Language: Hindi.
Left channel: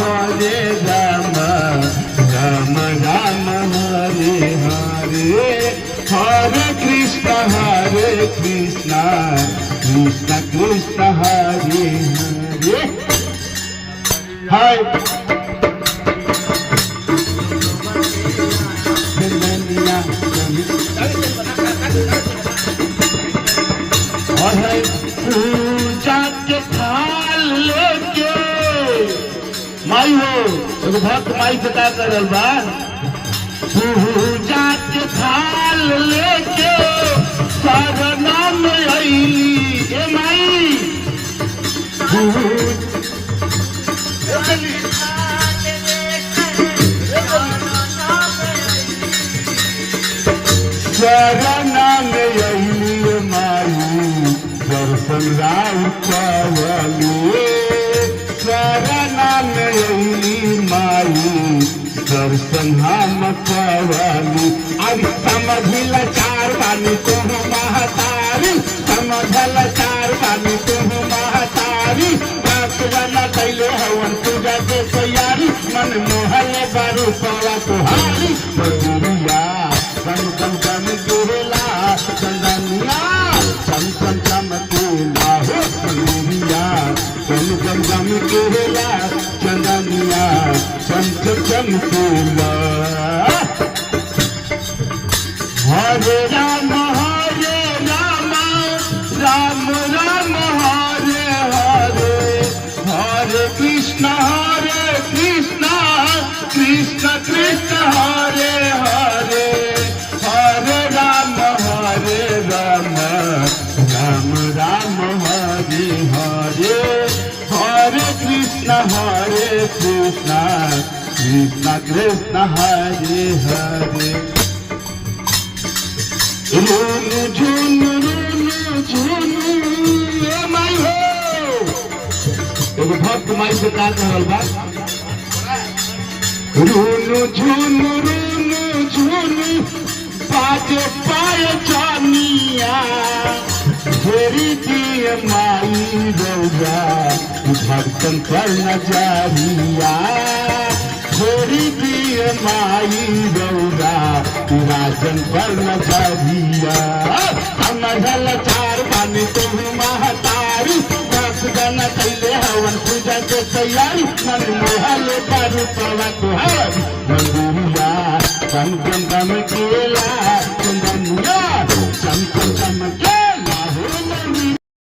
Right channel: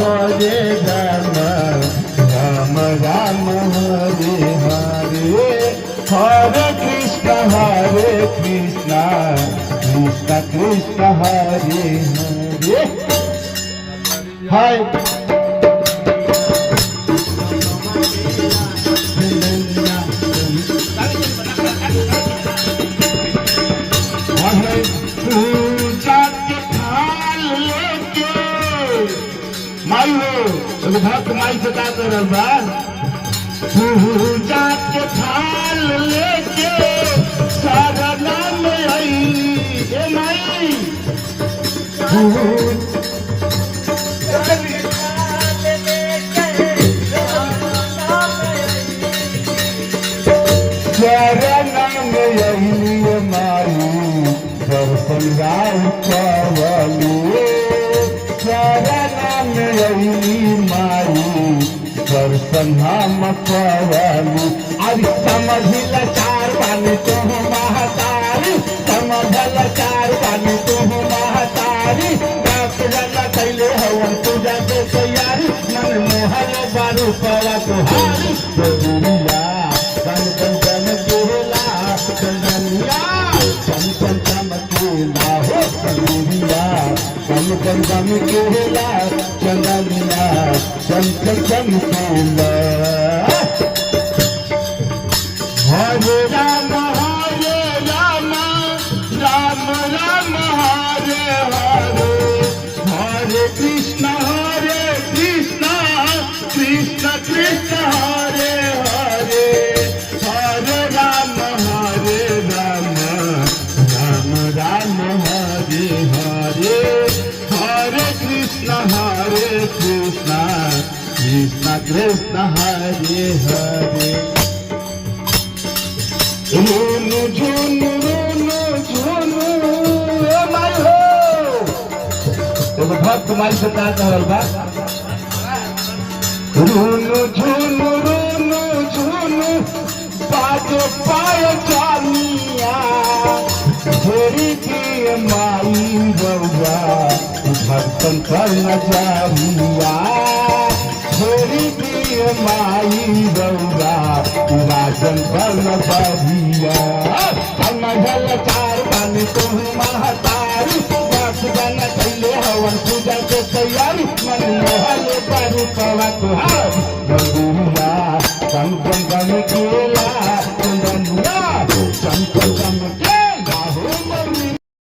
हरे राम राम राम हरे हरे हरे कृष्ण कृष्ण कृष्ण हरे हरे हाय पूजा के थाल लेके माई हो भक्त माई से क्या करल बा पूजा के थाल लेके साधना में आई ए माई दर्शन राम पवलू शरण माई दर्शन हम पवलू अभी समझिल चार बानी तुम महतारी समझल चार बानी तुम महतारी जना कैले हवन पूजा के तैयारी मन मोहल बारू पवा तुहारी दुनिया गम गम गम गिरला चंदनिया चम चम चम केला हो दुनिया गम गम गम गिरला चंदनिया चम चम चम केला हरे राम राम राम राम हरे हरे हरे कृष्ण कृष्ण कृष्ण कृष्ण हरे हरे हरे राम राम राम राम हरे हरे हरे कृष्ण कृष्ण कृष्ण कृष्ण हरे हरे झूनु झूनु झूनु माई हो एगो भक्त माई से क्या कहल बा झूनु झूनु झूनु बाजे पाए जानिया घेरी दिए माई रौया भक्तन कर नजरिया घेरी दिए माई रौया राजन कर नजरिया हम नजल चार पानी तुम महतारी दस जन कैले हवन पूजा के तैयारी मन मोहल दारू पवा तुहारी मंदिरिया गम गम गम केला